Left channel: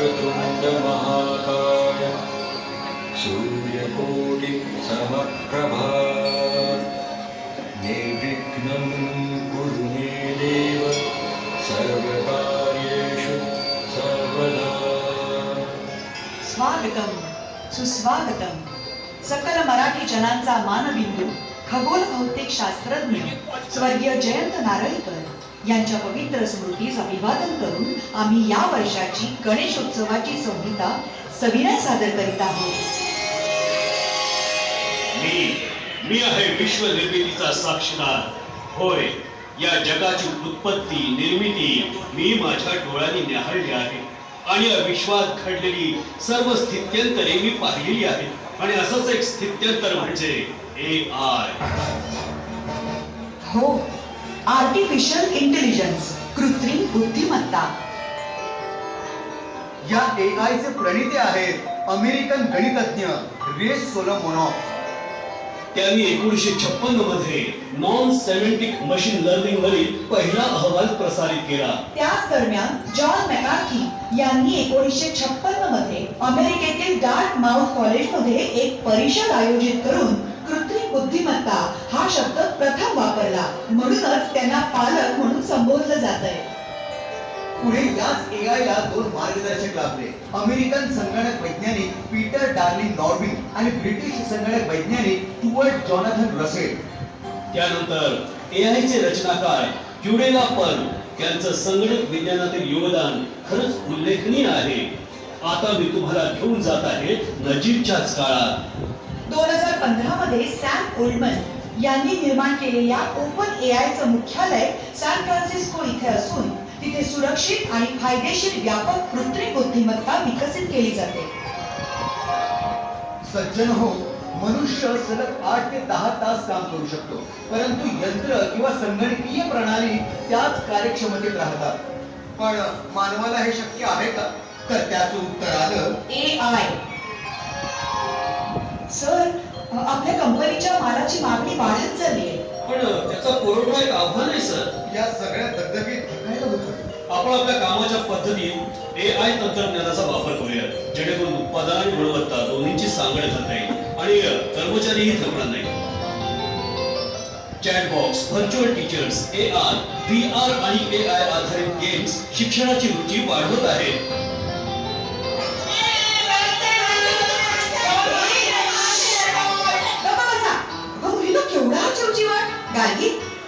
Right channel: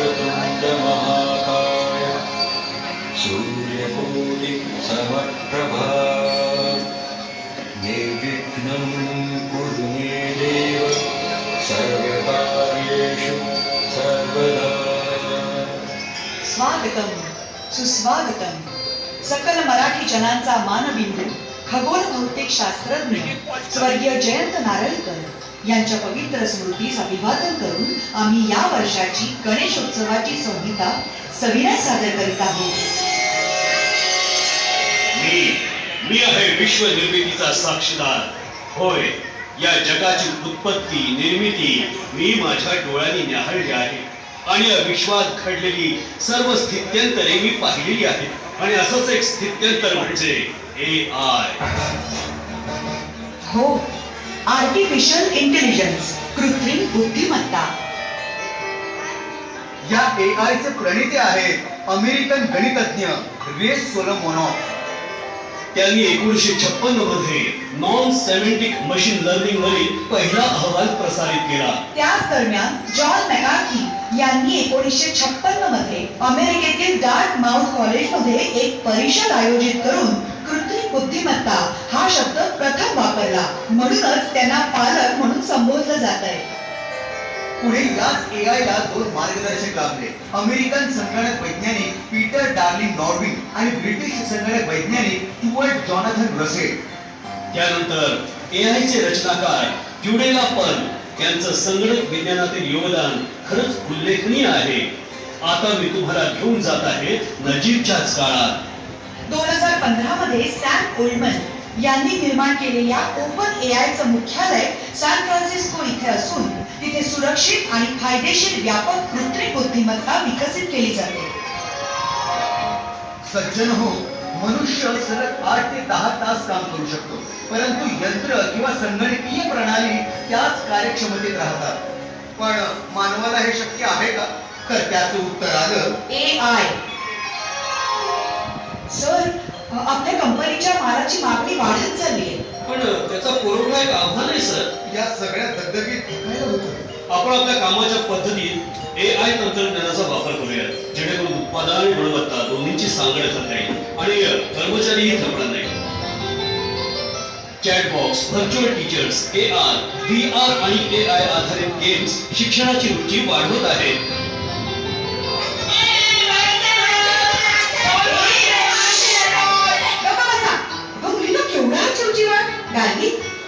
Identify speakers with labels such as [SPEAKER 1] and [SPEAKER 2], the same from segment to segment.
[SPEAKER 1] वक्रतुण्डमहाकाय सूर्यकोटि समप्रभा निर्विघ्नं कुरु मे देव सर्वकार्येषु सर्वदा
[SPEAKER 2] स्वागतम सुस्वागतम। सकल मराठी जनांचा मानबिंदू खगोल भौतिक शास्त्रज्ञ स्वर्गीय जयंत नारळीकर। यांच्या पवित्र स्मृतीस अभिवादन करून आम्ही या वर्षाची गणेशोत्सवाची संहिता सविनय सादर करीत आहोत.
[SPEAKER 3] मी मी आहे विश्व निर्मितीचा साक्षीदार. होय या जगाची उत्पत्ती निर्मिती मी माझ्या डोळ्यांनी न्याहाळली आहे. आणि या विश्वात घडलेली सर्व स्थित्यंतरे मी पाहिलेली आहेत. आणि असंच एक स्थित्यंतर म्हणजे ए आय
[SPEAKER 2] हो आर्टिफिशियल इंटेलिजन्स कृत्रिम बुद्धिमत्ता.
[SPEAKER 4] या AI चे प्रणेते आहेत अमेरिकन गणितज्ञ रे सोलोमोनॉफ.
[SPEAKER 3] त्यांनी एकोणीसशे छप्पन्नमध्ये नॉन सेमेंटिक मशीन लर्निंग वरील पहिला अहवाल प्रसारित केला.
[SPEAKER 2] त्याच दरम्यान जॉन मॅकार्थी यांनी एकोणीसशे छप्पन्नमध्ये अमेरिकेतील डार्ट माउथ कॉलेजमध्ये एक परिषद आयोजित करून कृत्रिम बुद्धिमत्ता हा शब्द प्रथम वापरला. म्हणूनच त्यांना पालक म्हणून संबोधलं जात आहे
[SPEAKER 4] पुढे याच AI ला दोन मार्गदर्शक लाभले अमेरिकन संगणक वैज्ञानिक पीटर डार्लिंग नॉर्विन आणि ब्रिटिश संगणक वैज्ञानिक स्टुअर्ट जॉनाथन रसेल.
[SPEAKER 3] त्यानंतर AI चे रचनाकार क्युडेला पर्ल यांचं संगणक विज्ञानातील योगदान खरंच उल्लेखनीय आहे. आता मी तुम्हाला घेऊन जात आहे नजीकच्याच काळात.
[SPEAKER 2] दोन हजार पंधरा मध्ये सॅम ओल्डमन यांनी निर्माण केलेल्या ओपन ए आयचं मुख्यालय सॅन फ्रान्सिस्को इथे असून तिथे सुरक्षित आणि फायदेशीर व्यापक कृत्रिम बुद्धिमत्ता विकसित केली जाते.
[SPEAKER 4] सज्जन हो मनुष्य सलग आठ ते दहा तास काम करू शकतो परंतु यंत्र किंवा संगणकीय प्रणाली त्याच कार्यक्षमतेत राहतात. पण मानवाला हे शक्य आहे का? तर त्याचं उत्तर आलं
[SPEAKER 2] ए आय. आपल्या कंपनीच्या मालाची मागणी वाढत चालली आहे.
[SPEAKER 3] पण त्याचा पुरवठा एक आव्हान आहे सर.
[SPEAKER 4] या सगळ्या दगदगीत थकायला होतं
[SPEAKER 3] आपण आपल्या कामाच्या पद्धतीत ए आय तंत्रज्ञानाचा वापर करूया जेणेकरून उत्पादन आणि गुणवत्ता दोन्हींची सांगड करता येईल आणि कर्मचारीही थकणार नाही. Chatbox virtual teachers A R V R आणि ए आय आधारित गेम्स शिक्षणाची रुची वाढवत आहेत.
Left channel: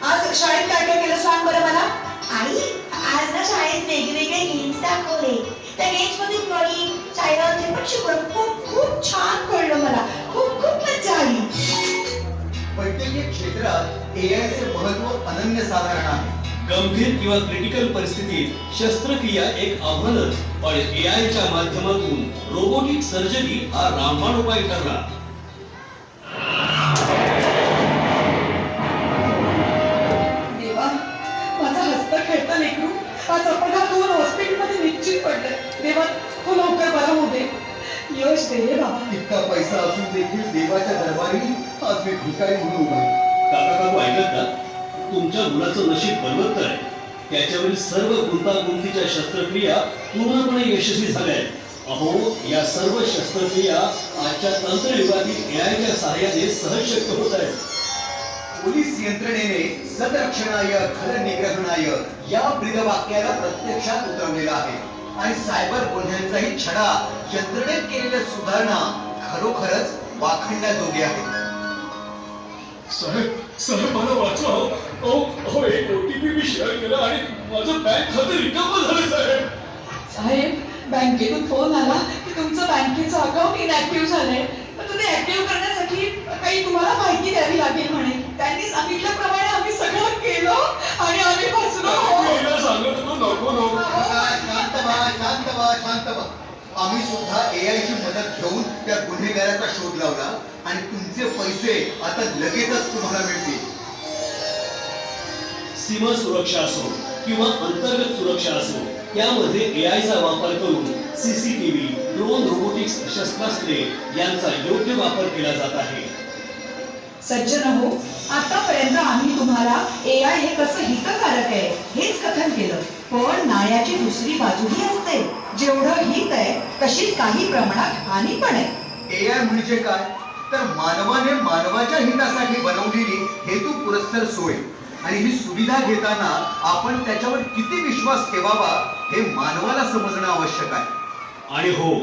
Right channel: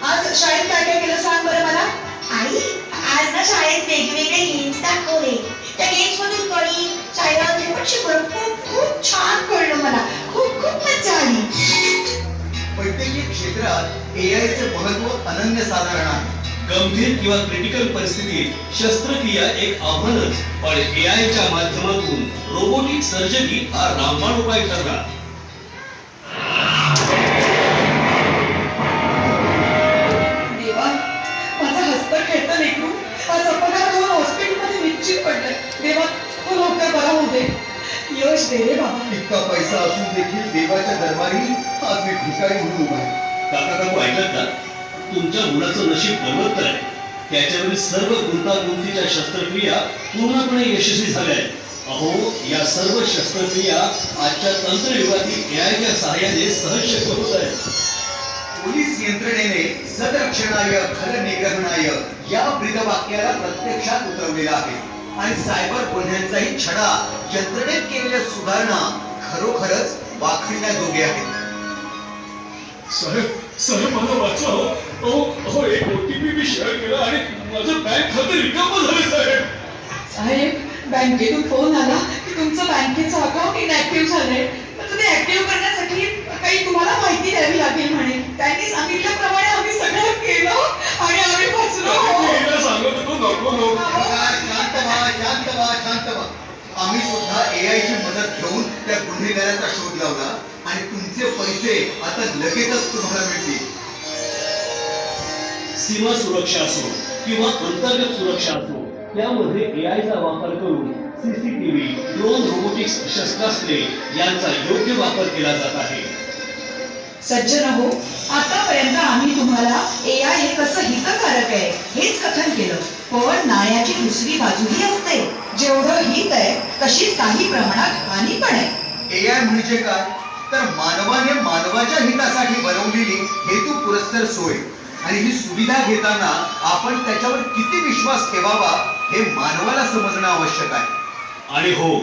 [SPEAKER 2] आज शाळेत काय काय केलं सांग बरं मला.
[SPEAKER 5] आई आज ना शाळेत वेगवेगळे गेम्स दाखवले. त्या गेम्स मधील कळी सायराचे पण शिकवलं. खूप खूप छान कळलं मला. खूप खूप मजा आली.
[SPEAKER 4] वैद्यकीय क्षेत्रात AI चे महत्त्व अनन्यसाधारण आहे.
[SPEAKER 3] गंभीर किंवा क्रिटिकल परिस्थितीत शस्त्रक्रिया एक आव्हानच. पण ए च्या माध्यमातून रोबोटिक सर्जरी हा रामबाण उपाय ठरला.
[SPEAKER 4] इतका पैसा असून देखील देवाच्या दरबारी आज मी भिकारी म्हणून उभा.
[SPEAKER 3] काका काकू ऐकत ना तुमच्या मुलाचं नशीब बलवत्तर आहे. त्याच्यावरील सर्व गुंतागुंतीच्या शस्त्रक्रिया पूर्णपणे यशस्वी झाल्या आहेत. अहो या सर्व शस्त्रक्रिया आजच्या तंत्रयुगातील एआयच्या सहाय्याने सहज शक्य होत आहेत.
[SPEAKER 4] पोलीस यंत्रणेने सदरक्षणाय खल निग्रहणाय या ब्रीदवाक्याला प्रत्यक्षात उतरवलेला आहे. आणि सायबर गुन्ह्यांचाही छडा यंत्रणेत केलेल्या सुधारणा खरोखरच वाखण्याजोगे आहेत
[SPEAKER 3] साहेब साहेब मला वाचवा अहो अहो एक ओटीपी मी शेअर केला आणि माझं बँक खाते रिकामं झालं साहेब.
[SPEAKER 2] साहेब बँकेतून फोन आला की तुमचं बँकेचं अकाउंट इनॅक्टिव्ह झालंय. पण ते ऍक्टिव्ह करण्यासाठी काही तुम्हाला माहिती द्यावी?
[SPEAKER 4] गुन्हेगाराचा शोध लावला आणि तुमचे पैसे आता लगेचच तुम्हाला मिळतील.
[SPEAKER 3] सीमा सुरक्षा असो किंवा अंतर्गत सुरक्षा असो यामध्ये AI चा वापर करून सीसीटीव्ही ड्रोन रोबोटिक्स शस्त्रास्त्रे यांचा योग्य वापर केला जात आहे.
[SPEAKER 2] सज्जन हो आतापर्यंत आम्ही तुम्हाला ए आय हे कसं हितकारक आहे हेच कथन केलं. पण नाण्याची दुसरी बाजूही असते. जेवढं हित आहे तशीच काही प्रमाणात हानी पण आहे.
[SPEAKER 4] ए आय म्हणजे काय तर मानवाने मानवाच्या हितासाठी बनवलेली हेतू पुरस्तर सोय. आणि ही सुविधा घेताना आपण त्याच्यावर किती विश्वास ठेवावा हे मानवाला समजणं आवश्यक आहे.
[SPEAKER 3] आणि हो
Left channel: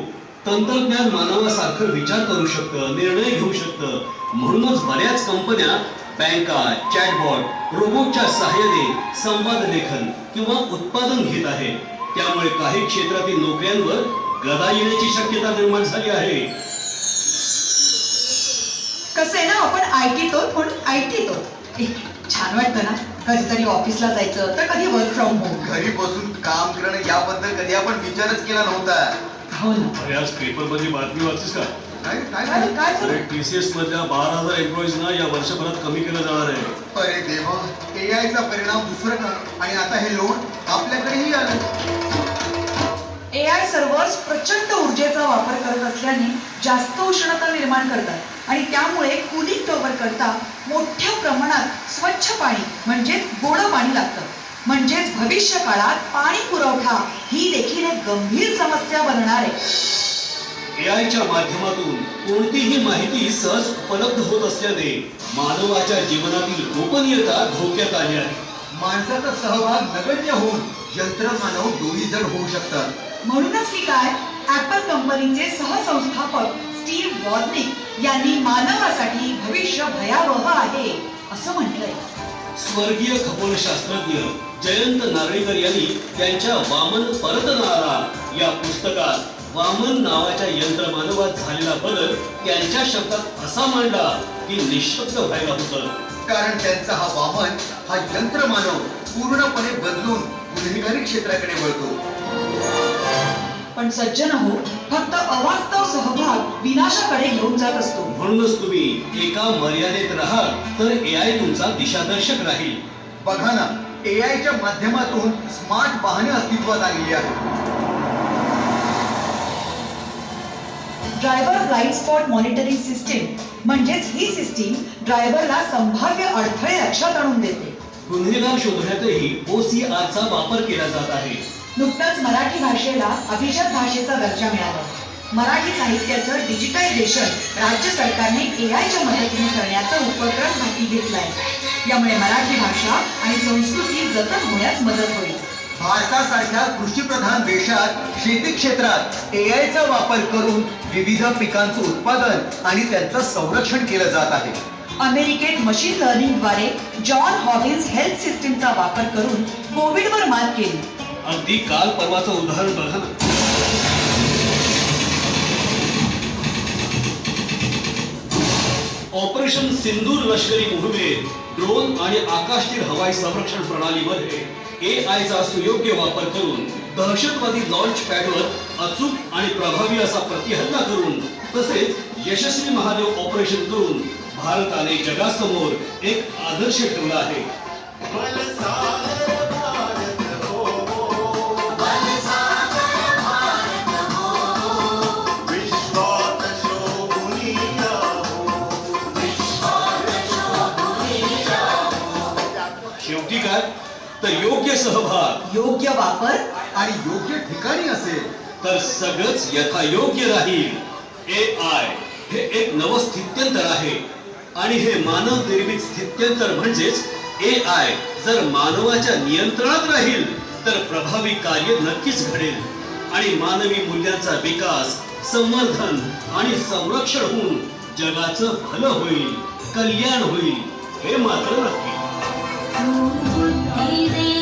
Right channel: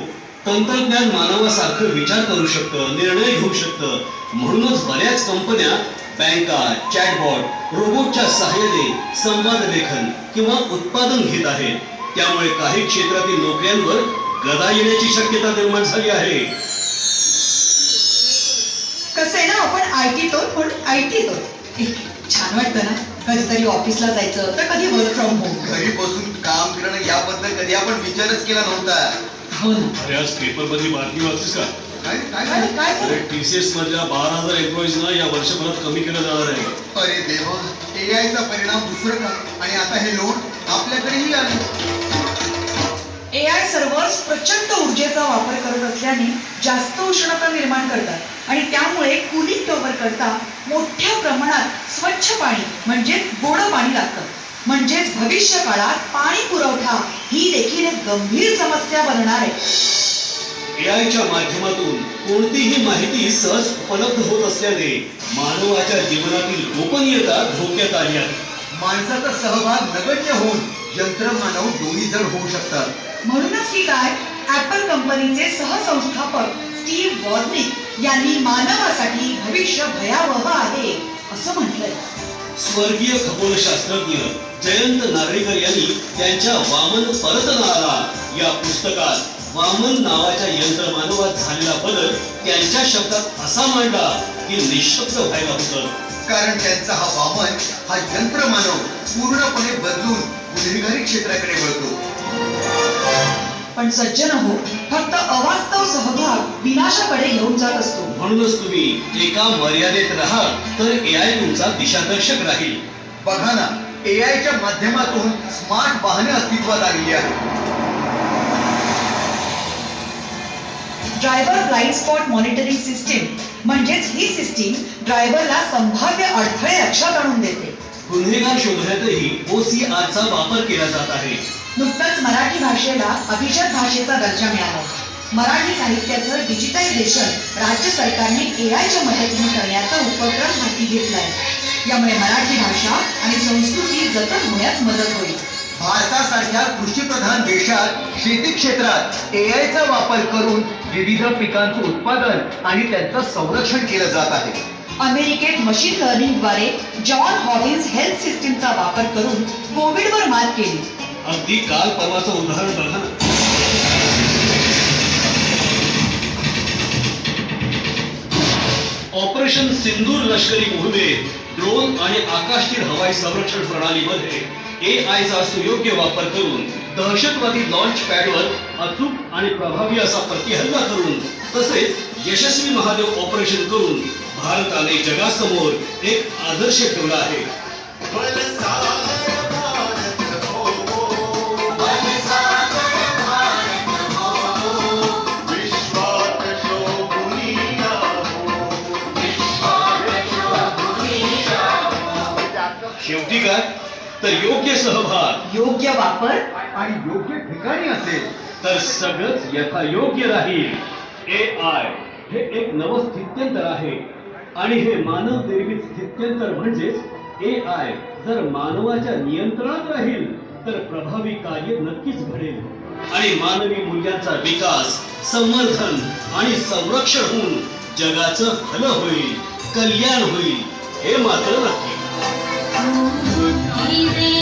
[SPEAKER 3] तंत्रज्ञान मानवासारखं विचार करू शकतं निर्णय घेऊ शकतं. म्हणूनच बऱ्याच कंपन्या बँका चॅटबॉट रोबोटच्या सहाय्याने संवाद लेखन किंवा उत्पादन घेत आहेत. त्यामुळे काही क्षेत्रातील नोकऱ्यांवर गदा येण्याची शक्यता निर्माण झाली आहे.
[SPEAKER 2] कसं आहे ना आपण आय टी तो म्हणून आय टी तो. छान वाटतं ना. कधीतरी ऑफिसला जायचं तर कधी वर्क फ्रॉम होम
[SPEAKER 4] घरी बसून काम करणं याबद्दल कधी आपण विचारच केला नव्हता.
[SPEAKER 2] हो ना.
[SPEAKER 3] अरे आज पेपर मधली बातमी वाचतेस का?
[SPEAKER 4] काय काय
[SPEAKER 2] काय
[SPEAKER 3] अरे मधल्या बारा हजार एम्प्लॉईजना या वर्षभरात कमी केलं जाणार आहे.
[SPEAKER 4] अरे देवा ए आय चा परिणाम दुसरं का? आणि आता हे लोड आपल्याकडेही आलं.
[SPEAKER 2] ए आय सर्व्हर्स प्रचंड ऊर्जेचा वापर करत असल्याने जास्त उष्णता निर्माण करतात. आणि त्यामुळे कुलिंग टॉवर करता मोठ्या प्रमाणात स्वच्छ पाणी म्हणजेच गोड पाणी लागतं. म्हणजेच भविष्य काळात पाणी पुरवठा ही देखील एक गंभीर समस्या बनणार आहे.
[SPEAKER 3] ए आयच्या माध्यमातून कोणतीही माहिती सहज उपलब्ध होत असल्याने मानवाच्या जीवनातील गोपनीयता धोक्यात आली आहे.
[SPEAKER 4] माणसाचा सहभाग नगण्य होऊन यंत्रमानव दोन्ही जण होऊ शकतात.
[SPEAKER 2] म्हणूनच की काय? ऍपल कंपनीचे सहसंस्थापक स्टीव्ह वॉझनिक यांनी मानवासाठी भविष्य भयावह आहे असं म्हटलंय.
[SPEAKER 3] स्वर्गीय खगोलशास्त्रज्ञ जयंत नारळीकर यांनी त्यांच्या वामन परत आला या पुस्तकात वामन नावाच्या यंत्रमानवात झालेला बदल त्यांच्या शब्दात असा मांडला की निशब्द व्हायला होतं.
[SPEAKER 4] कारण त्यांचा हा वामन हा यंत्रमानव पूर्णपणे बदलून गुन्हेगारी क्षेत्राकडे वळतो.
[SPEAKER 2] पण सज्जन हो फक्त अवास्तव सहभाग विनाशाकडे घेऊन जात असतो.
[SPEAKER 3] म्हणूनच तुम्ही एका मर्यादेत राहाल तर ए आय तुमचा दिशादर्शक राहील.
[SPEAKER 4] बघा ना ए च्या माध्यमातून स्मार्ट वाहने अस्तित्वात आलेली आहेत.
[SPEAKER 2] Driver blind spot monitoring system म्हणजेच ही सिस्टीम ड्रायव्हरला संभाव्य अडथळे लक्षात आणून देते.
[SPEAKER 3] गुन्हेगार शोधण्यातही OCR चा वापर केला जात आहे.
[SPEAKER 2] नुकतंच मराठी भाषेला अभिजात भाषेचा दर्जा मिळाला. मराठी साहित्याचं डिजिटायझेशन राज्य सरकारने ए आयच्या मदतीने करण्याचा उपक्रम हाती घेतलाय. यामुळे मराठी भाषा आणि संस्कृती जतन होण्यास मदत होईल.
[SPEAKER 4] भारतासारख्या कृषीप्रधान देशात शेती क्षेत्रात ए चा वापर करून विविध पिकांचं उत्पादन आणि त्यांचं संरक्षण केलं जात आहे.
[SPEAKER 2] अमेरिकेत मशीन लर्निंगद्वारे जॉन हॉकिन्स हेल्थ सिस्टीमचा वापर करून कोविडवर मात केली.
[SPEAKER 3] अगदी काल परवाचं उदाहरण बघा ना. ऑपरेशन सिंदूर लष्करी मोहिमेत ड्रोन आणि आकाशतीर हवाई संरक्षण प्रणालीमध्ये ए चा सुयोग्य वापर करून दहशतवादी लॉन्च पॅडवर अचूक आणि प्रभावी असा प्रतिहल्ला करून तसेच यशस्वी महादेव ऑपरेशन करून भारताने जगासमोर एक आदर्श ठेवला आहे. तर योग्य सहभाग.
[SPEAKER 2] योग्य वापर
[SPEAKER 4] आणि योग्य ठिकाणी असेल.
[SPEAKER 3] तर सगळंच यथायोग्य राहील. ए आय हे एक नवं स्थित्यंतर आहे. आणि हे मानव निर्मित स्थित्यंतर म्हणजेच ए आय जर मानवाच्या नियंत्रणात राहील तर प्रभावी कार्य नक्कीच घडेल. आणि मानवी मूल्यांचा विकास संवर्धन आणि संरक्षण होऊन जगाचं भलं होईल कल्याण होईल हे मात्र नक्की. He